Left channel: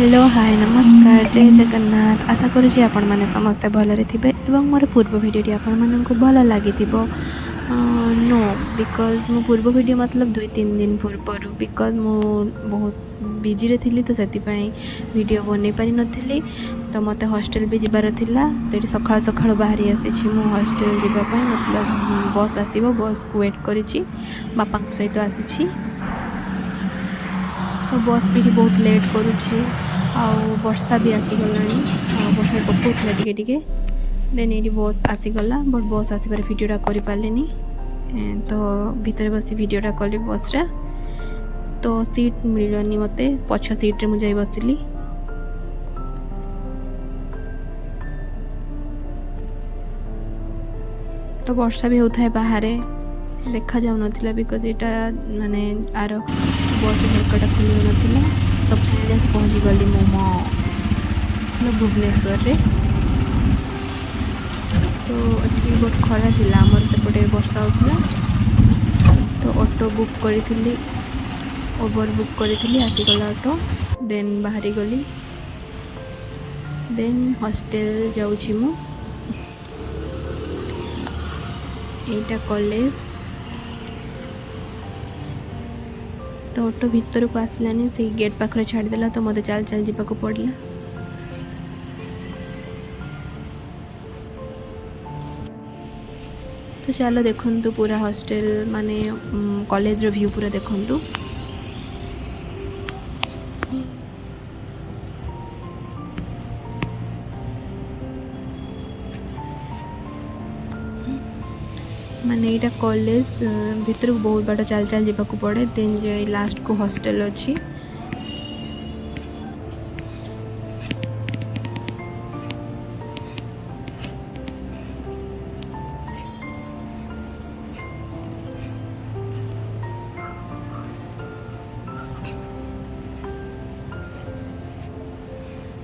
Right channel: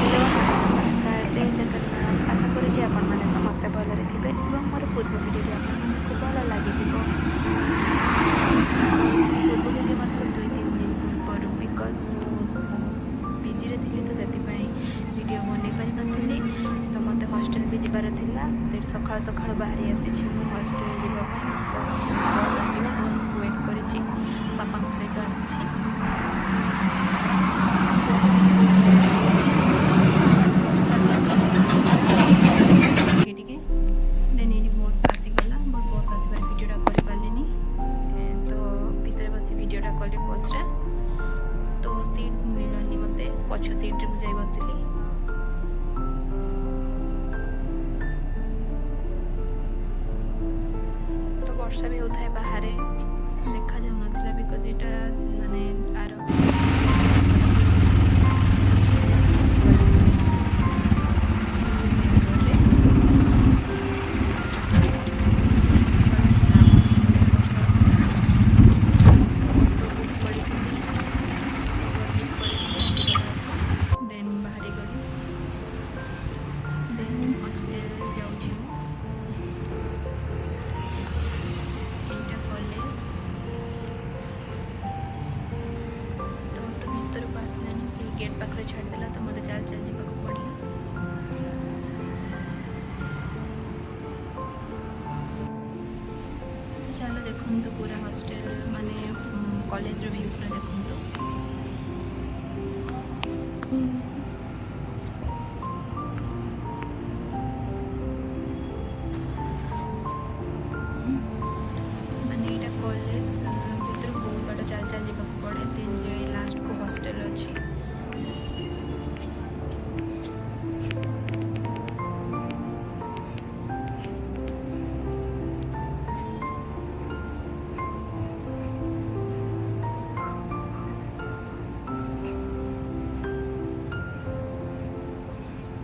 Hello hi नमस्कार जय जगन्नाथ आशा करुँची आपण मैंने समस्ते भलरे थे एवं मोर पूर्व भिडियो आपण मानक भल लगी नो बिकज मो पूर्व भिडियो मतलब 2-3 दिन पूर्वर बिकज मु बहुत बिजी थी तो से वीडियो बन पारि नी तो मत हॉस्टल भी जबार थिला तो ये सका सका बाहरी आसी मो हॉस्टल जावाई मतलब बस आसो बस को वेट करी बापा सहित आसी बस भी बहुत लेट करुँच वर्षा भी आसीगलानी पकौला टिके देन ये बस आसीगला बट बस आसबार भिडियोटा कर पारे तो भितर बस भिडियोटा कली बस रे तो सीट मिलनी मत पछ सीट्रे मुझे बसली तो वर्षा भी होता है बाहर देखा जाऊ ना बिकज यहाँ माने आर बस तो प्लेस पहुँची गली मो भुवनेश्वर रे तो बहुत खरा थी आमर सेपटे वर्षा होता तो ऑटो बुक करी ओवर बुक करी आसीगला ऑटो देन बाहरी गली देन हॉस्टल जाऊँ मु एटा कॉलेज तो ऑटो भीतर को आसलानी से गेट पाखरे छाड़देला तो मत चल चल जावाक पड़ला तो चलो देखु पूरा हॉस्टल माने कॉलेज रो व्यू पूरा देखु माने यहाँ कॉलेज भीतर बहुत बाट चल चल जावाक पड़े देन जो लास्ट को हॉस्टल अच्छी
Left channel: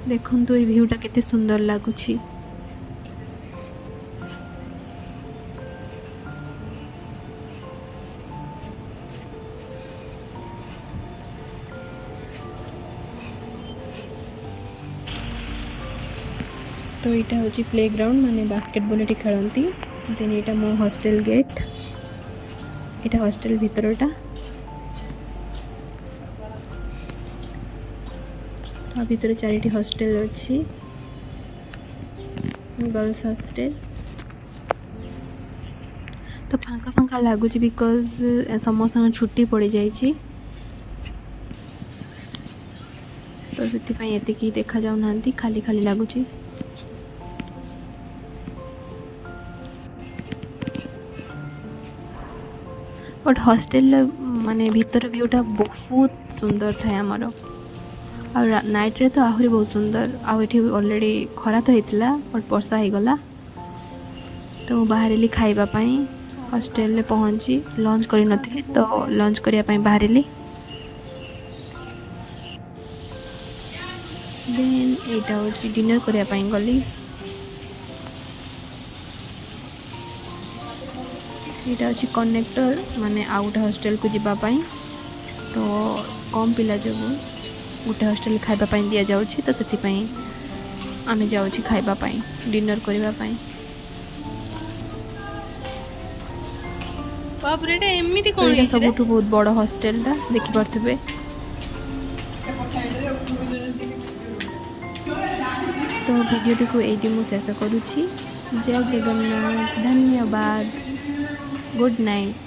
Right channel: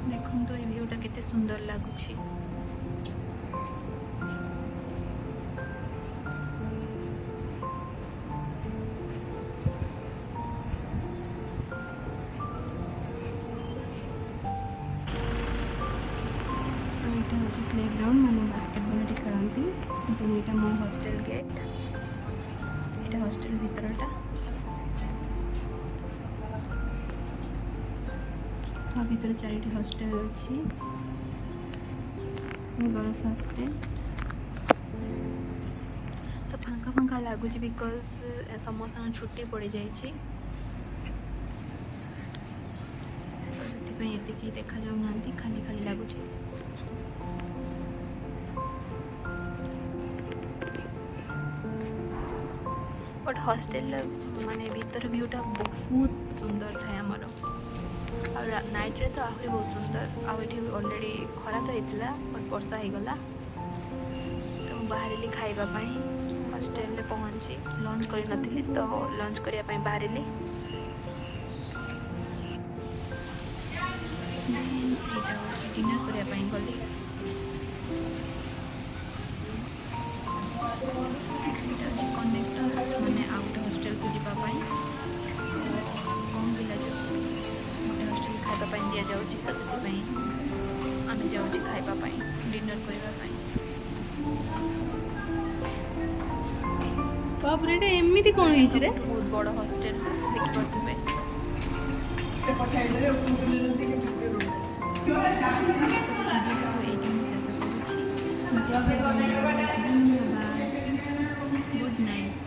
देखु ये व्यूटा केते सुंदर लगुच तो यहाँ हूँ प्ले ग्राउंड माने बास्केटबॉल ये खेलती देन यहाँ मो हॉस्टल गेट यहाँ हॉस्टल भीतरटा भीतर 4टी हॉस्टल अच्छी गर्ल्स हॉस्टल तो फांका फांका लगुच बिकज समस्त छुट्टी पड़ जाइए तो से देखा जाऊना खाली खाली लगुच बट हॉस्टल माने भीतर व्यूटा बहुत सुंदर था आमर और नाइट रे तो आहरी बहुत सुंदर आठी ऑलरेडी खरा तो होता बट वर्षा हो गला तो बाहर खावाई हॉस्टल में पहुँची लंच कर नी तो लंच करने बाहर देन यहाँ हूँ डिनर करने गली यहाँ अच्छी कनेक्टर माने आउट हॉस्टल को जीवाई तो कम पिला जो गोटे हॉस्टल खाइबा दि जाऊँगी तो से आम जाऊँ खाइबाई डिनर करने सब बहुत बड़ हॉस्टल देखिपे तो वीडियो को ये मुझे शेष करुँची जय जगन्नाथ धन्यवाद गुड नाइट।